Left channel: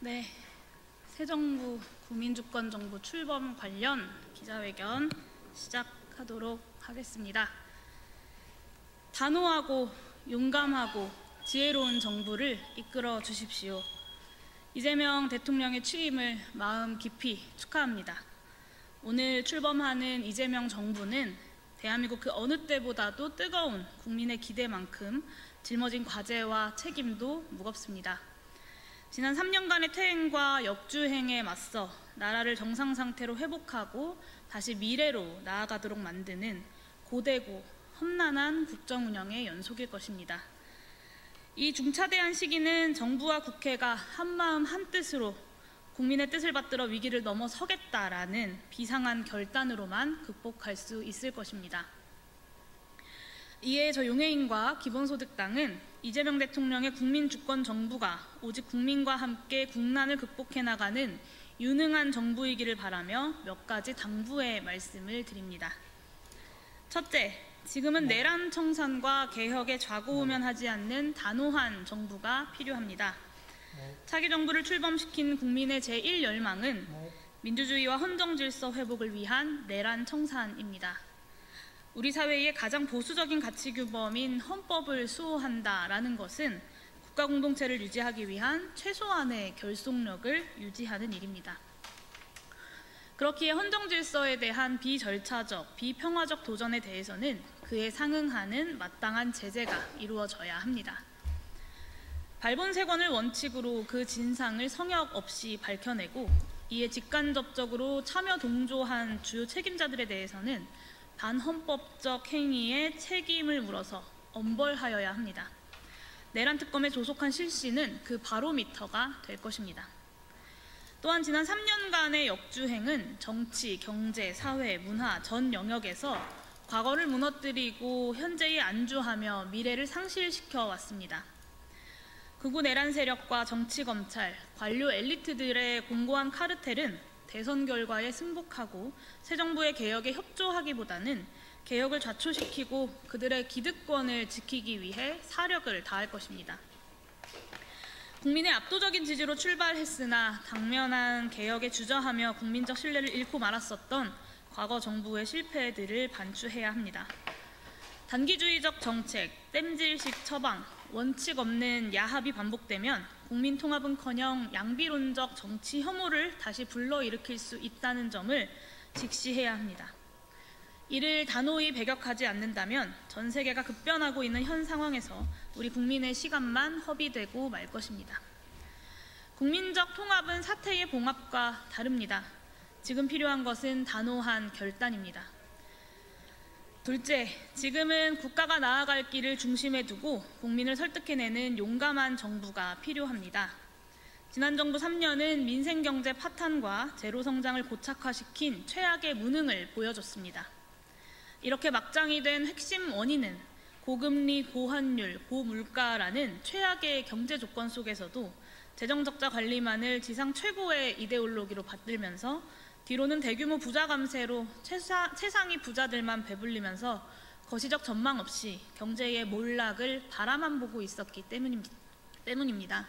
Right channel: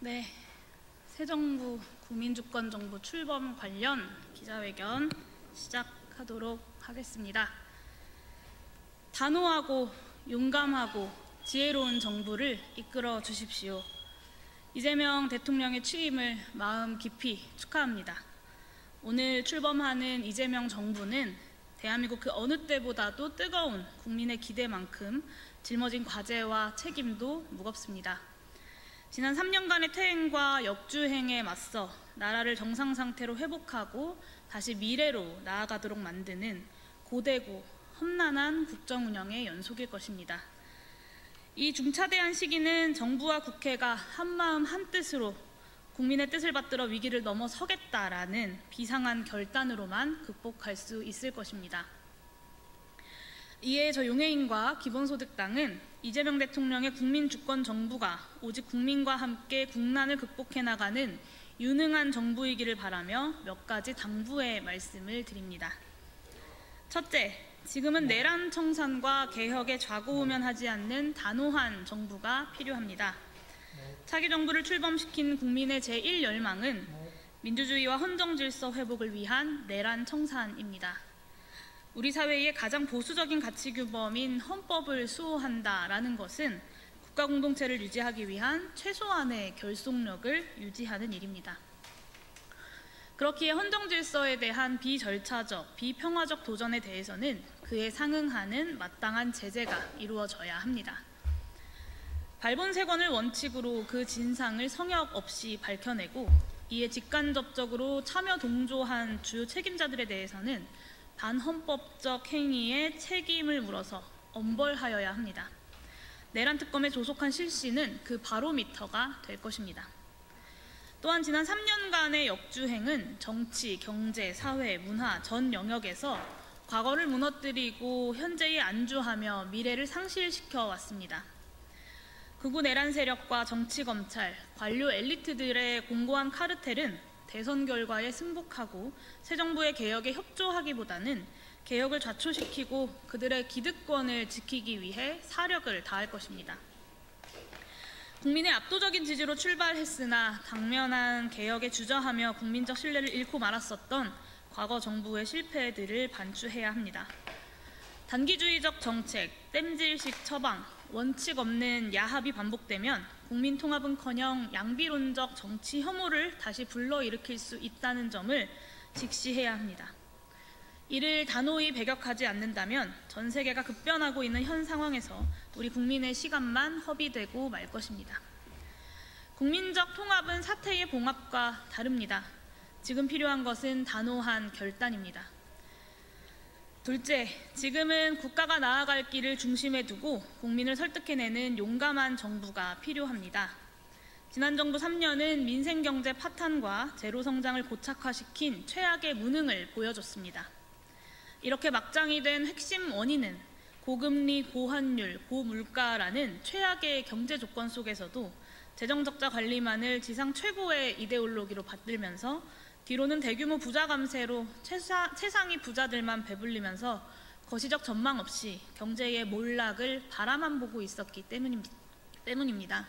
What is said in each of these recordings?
네, 새 정부 국민주권정부 출범 관련 기자회견 시작하도록 하겠습니다. 단호하고 용감하고 지혜로운 정부를 이끌어 주십시오. 이재명 대통령의 취임을 마음 깊이 축하합니다. 오늘 출범하는 이재명 정부는 대한민국 그 어느 때보다도 뜨거운 국민의 기대만큼 짊어진 과제와 책임도 무겁습니다. 지난 3년간의 퇴행과 역주행에 맞서 나라를 정상 상태로 회복하고 다시 미래로 나아가도록 만드는 고되고 험난한 국정 운영의 연속일 것입니다. 이 중차대한 시기는 정부와 국회가 한마음 한뜻으로 국민의 뜻을 받들어 위기를 넘어서겠다라는 비상한 결단으로만 극복할 수 있을 것입니다. 이에 저 용해인과 기본소득당은 이재명 대통령의 국민주권 정부가 오직 국민과 함께 국난을 극복해 나가는 유능한 정부이기를 바라며 몇 가지 당부의 말씀을 드립니다. 첫째, 지금은 내란 청산과 개혁에 좌고우면하지 않는 단호한 정부가 필요합니다. 차기 정부를 출범시킨 국민의 제1열망은 민주주의와 헌정질서 회복을 위한 내란 청산입니다. 우리 사회의 가장 보수적인 가치규범인 헌법을 수호한다라는 것은 국가 공동체를 유지하기 위한 최소한의 결속력을 유지하는 일입니다. 그렇기에 헌정질서에 대한 비절차적, 비평화적 도전에 대해서는 그에 상응하는 마땅한 제재가 이루어져야 합니다. 발본색원을 원칙으로 그 진상을 성역 없이 밝혀내고 이에 직간접적으로 참여 동조한 주요 책임자들에 대해서는 반헌법적 행위에 책임을 물어서 엄벌하여야 합니다. 내란 특검의 조속한 실시는 그 바로미터가 될 것입니다. 또한 지난 3년간의 역주행은 정치, 경제, 사회, 문화 전 영역에서 과거를 무너뜨리고 현재에 안주하며 미래를 상실시켜 왔습니다. 극우 내란 세력과 정치, 검찰, 관료 엘리트들의 공고한 카르텔은 대선 결과에 승복하고 새 정부의 개혁에 협조하기보다는 개혁을 좌초시키고 그들의 기득권을 지키기 위해 사력을 다할 것입니다. 국민의 압도적인 지지로 출발했으나 당면한 개혁에 주저하며 국민적 신뢰를 잃고 말았었던 과거 정부의 실패들을 반추해야 합니다. 단기주의적 정책, 땜질식 처방, 원칙 없는 야합이 반복되면 국민 통합은커녕 양비론적 정치 혐오를 다시 불러일으킬 수 있다는 점을 직시해야 합니다. 이를 단호히 배격하지 않는다면 전 세계가 급변하고 있는 현 상황에서 우리 국민의 시간만 허비되고 말 것입니다. 국민적 통합은 사태의 봉합과 다릅니다. 지금 필요한 것은 단호한 결단입니다. 둘째, 지금은 국가가 나아갈 길을 중심에 두고 국민을 설득해내는 용감한 정부가 필요합니다. 지난 정부 3년은 민생경제 파탄과 제로성장을 고착화시킨 최악의 무능을 보여줬습니다. 이렇게 막장이 된 핵심 원인은 고금리, 고환율, 고물가라는 최악의 경제 조건 속에서도 재정적자 관리만을 지상 최고의 이데올로기로 받들면서 뒤로는 대규모 부자 감세로 최상위 부자들만 배불리면서 거시적 전망 없이 경제의 몰락을 바라만 보고 있었기 때문입니다.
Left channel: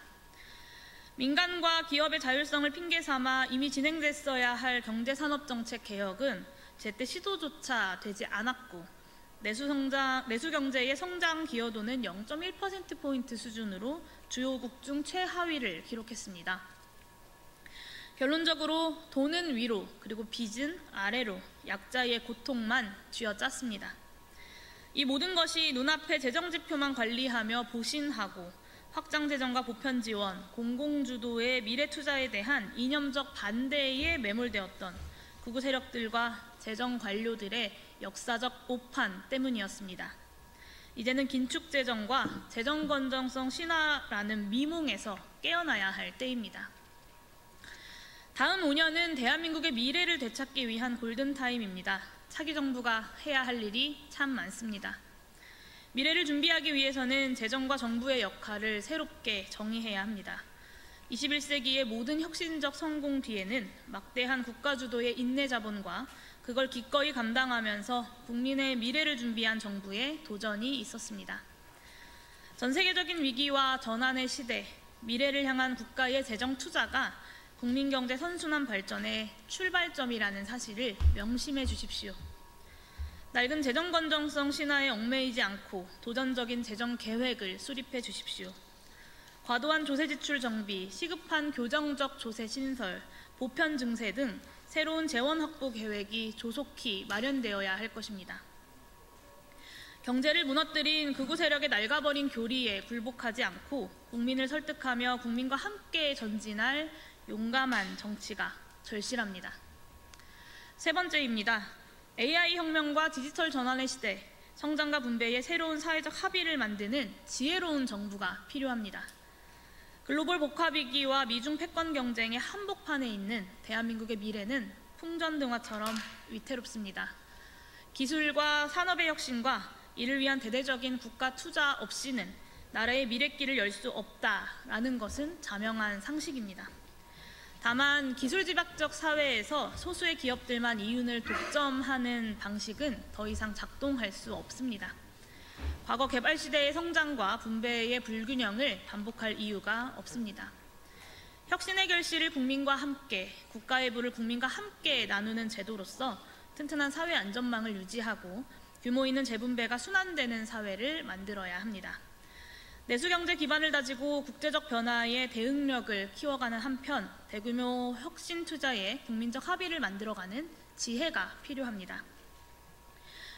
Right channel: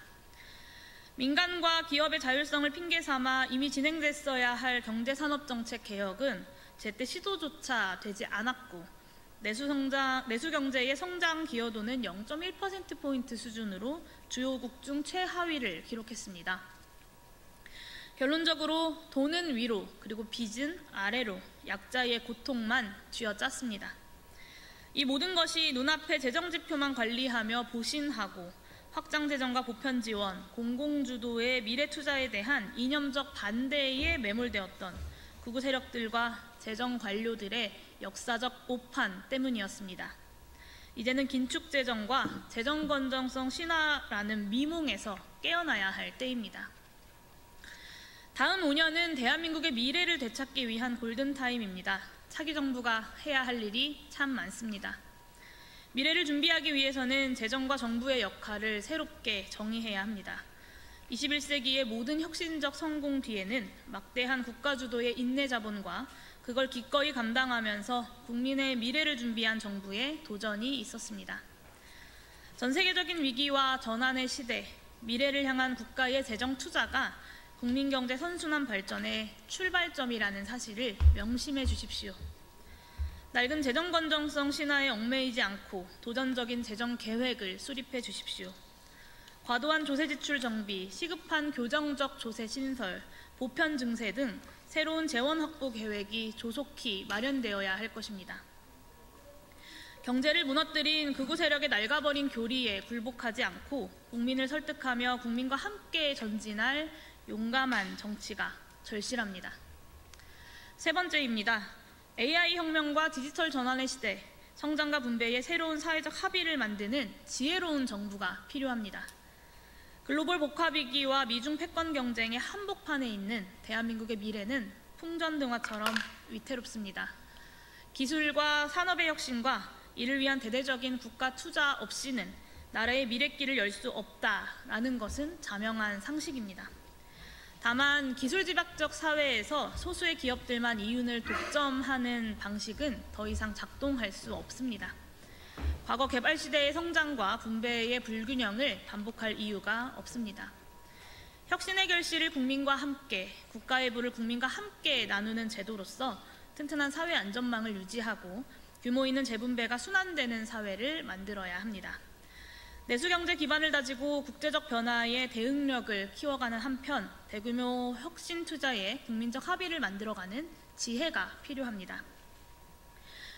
민간과 기업의 자율성을 핑계삼아 이미 진행됐어야 할 경제산업정책 개혁은 제때 시도조차 되지 않았고 내수경제의 성장 기여도는 0.1%포인트 수준으로 주요국 중 최하위를 기록했습니다. 결론적으로 돈은 위로 그리고 빚은 아래로 약자의 고통만 쥐어짰습니다. 이 모든 것이 눈앞의 재정지표만 관리하며 보신하고 확장재정과 보편지원, 공공주도의 미래투자에 대한 이념적 반대에 매몰되었던 극우 세력들과 재정관료들의 역사적 오판 때문이었습니다. 이제는 긴축재정과 재정건전성 신화라는 미몽에서 깨어나야 할 때입니다. 다음 5년은 대한민국의 미래를 되찾기 위한 골든타임입니다. 차기 정부가 해야 할 일이 참 많습니다. 미래를 준비하기 위해서는 재정과 정부의 역할을 새롭게 정의해야 합니다. 21세기의 모든 혁신적 성공 뒤에는 막대한 국가주도의 인내자본과 그걸 기꺼이 감당하면서 국민의 미래를 준비한 정부의 도전이 있었습니다. 전 세계적인 위기와 전환의 시대, 미래를 향한 국가의 재정 투자가 국민경제 선순환 발전의 출발점이라는 사실을 명심해 주십시오. 낡은 재정 건전성 신화에 얽매이지 않고 도전적인 재정 계획을 수립해 주십시오. 과도한 조세 지출 정비, 시급한 교정적 조세 신설, 보편 증세 등 새로운 재원 확보 계획이 조속히 마련되어야 할 것입니다. 경제를 무너뜨린 극우 세력의 낡아버린 교리에 굴복하지 않고 국민을 설득하며 국민과 함께 전진할 용감한 정치가 절실합니다. 세 번째입니다. AI 혁명과 디지털 전환의 시대, 성장과 분배의 새로운 사회적 합의를 만드는 지혜로운 정부가 필요합니다. 글로벌 복합위기와 미중 패권 경쟁의 한복판에 있는 대한민국의 미래는 풍전등화처럼 위태롭습니다. 기술과 산업의 혁신과 이를 위한 대대적인 국가 투자 없이는 나라의 미래길을 열 수 없다라는 것은 자명한 상식입니다. 다만 기술집약적 사회에서 소수의 기업들만 이윤을 독점하는 방식은 더 이상 작동할 수 없습니다. 과거 개발 시대의 성장과 분배의 불균형을 반복할 이유가 없습니다. 혁신의 결실을 국민과 함께, 국가의 부를 국민과 함께 나누는 제도로서 튼튼한 사회 안전망을 유지하고 규모 있는 재분배가 순환되는 사회를 만들어야 합니다. 내수경제 기반을 다지고 국제적 변화에 대응력을 키워가는 한편 대규모 혁신 투자에 국민적 합의를 만들어가는 지혜가 필요합니다.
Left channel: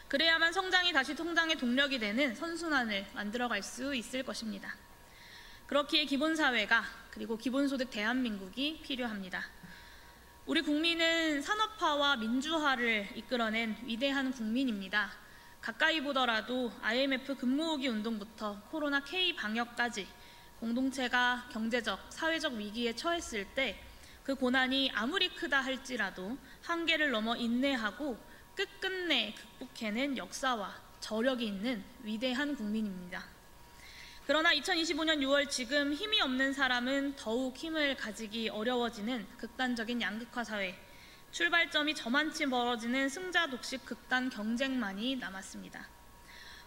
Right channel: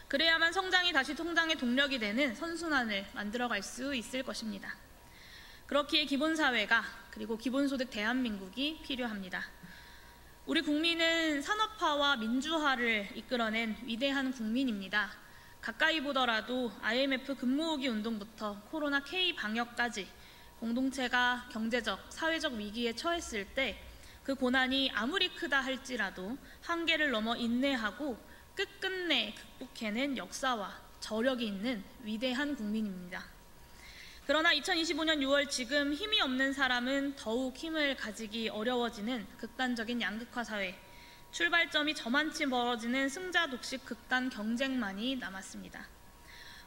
그래야만 성장이 다시 성장의 동력이 되는 선순환을 만들어갈 수 있을 것입니다. 그렇기에 기본사회가 그리고 기본소득 대한민국이 필요합니다. 우리 국민은 산업화와 민주화를 이끌어낸 위대한 국민입니다. 가까이 보더라도 IMF 금모으기 운동부터 코로나 K 방역까지 공동체가 경제적, 사회적 위기에 처했을 때 그 고난이 아무리 크다 할지라도 한계를 넘어 인내하고 끝끝내 극복해낸 역사와 저력이 있는 위대한 국민입니다. 그러나 2025년 6월 지금 힘이 없는 사람은 더욱 힘을 가지기 어려워지는 극단적인 양극화 사회, 출발점이 저만치 멀어지는 승자 독식 극단 경쟁만이 남았습니다.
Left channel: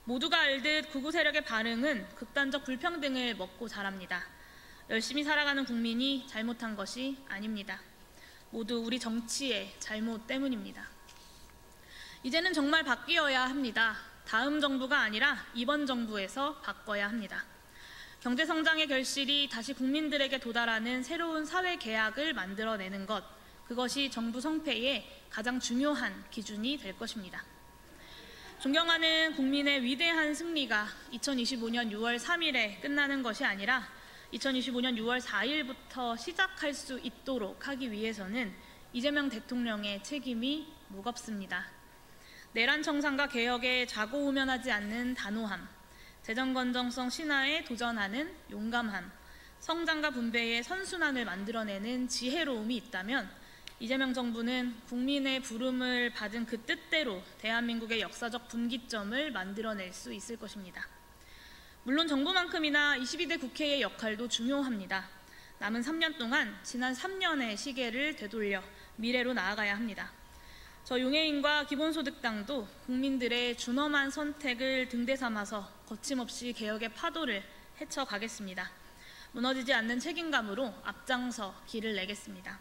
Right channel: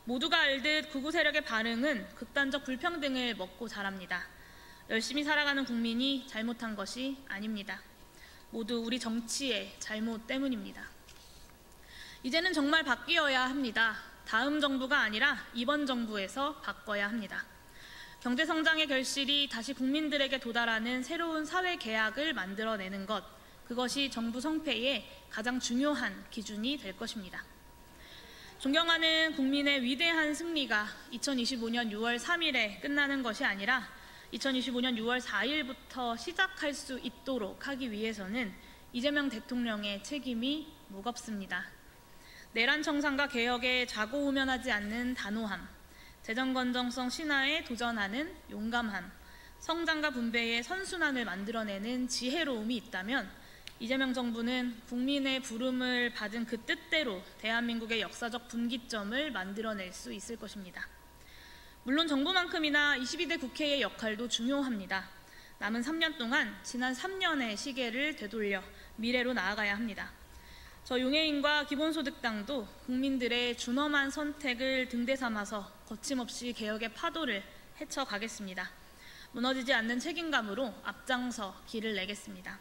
모두가 알듯 극우 세력의 반응은 극단적 불평등을 먹고 자랍니다. 열심히 살아가는 국민이 잘못한 것이 아닙니다. 모두 우리 정치의 잘못 때문입니다. 이제는 정말 바뀌어야 합니다. 다음 정부가 아니라 이번 정부에서 바꿔야 합니다. 경제성장의 결실이 다시 국민들에게 도달하는 새로운 사회 계약을 만들어내는 것, 그것이 정부 성패의 가장 중요한 기준이 될 것입니다. 존경하는 국민의 위대한 승리가 2025년 6월 3일에 끝나는 것이 아니라 2025년 6월 4일부터 시작할 수 있도록 하기 위해서는 이재명 대통령의 책임이 무겁습니다. 내란 청산과 개혁에 좌고우면하지 않는 단호함, 재정 건전성 신화에 도전하는 용감함, 성장과 분배의 선순환을 만들어내는 지혜로움이 있다면 이재명 정부는 국민의 부름을 받은 그 뜻대로 대한민국의 역사적 분기점을 만들어낼 수 있을 것입니다. 물론 정부만큼이나 22대 국회의 역할도 중요합니다. 남은 3년 동안 지난 3년의 시계를 되돌려 미래로 나아가야 합니다. 저 용해인과 기본소득당도 국민들의 준엄한 선택을 등대 삼아서 거침없이 개혁의 파도를 헤쳐가겠습니다. 무너지지 않는 책임감으로 앞장서 길을 내겠습니다.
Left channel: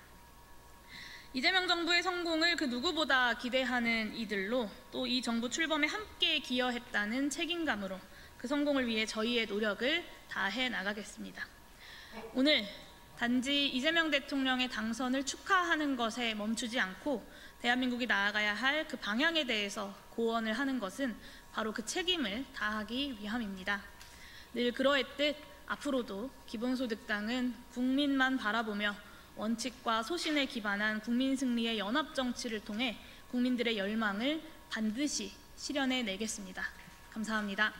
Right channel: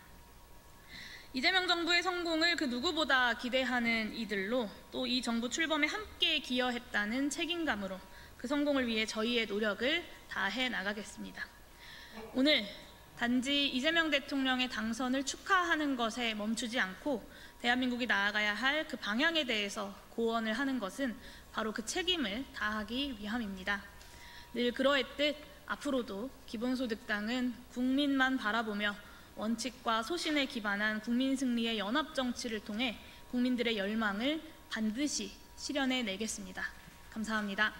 이재명 정부의 성공을 그 누구보다 기대하는 이들로 또 이 정부 출범에 함께 기여했다는 책임감으로 그 성공을 위해 저희의 노력을 다해 나가겠습니다. 오늘 단지 이재명 대통령의 당선을 축하하는 것에 멈추지 않고 대한민국이 나아가야 할 그 방향에 대해서 고언을 하는 것은 바로 그 책임을 다하기 위함입니다. 늘 그러했듯 앞으로도 기본소득당은 국민만 바라보며 원칙과 소신에 기반한 국민 승리의 연합 정치를 통해 국민들의 열망을 반드시 실현해내겠습니다. 감사합니다.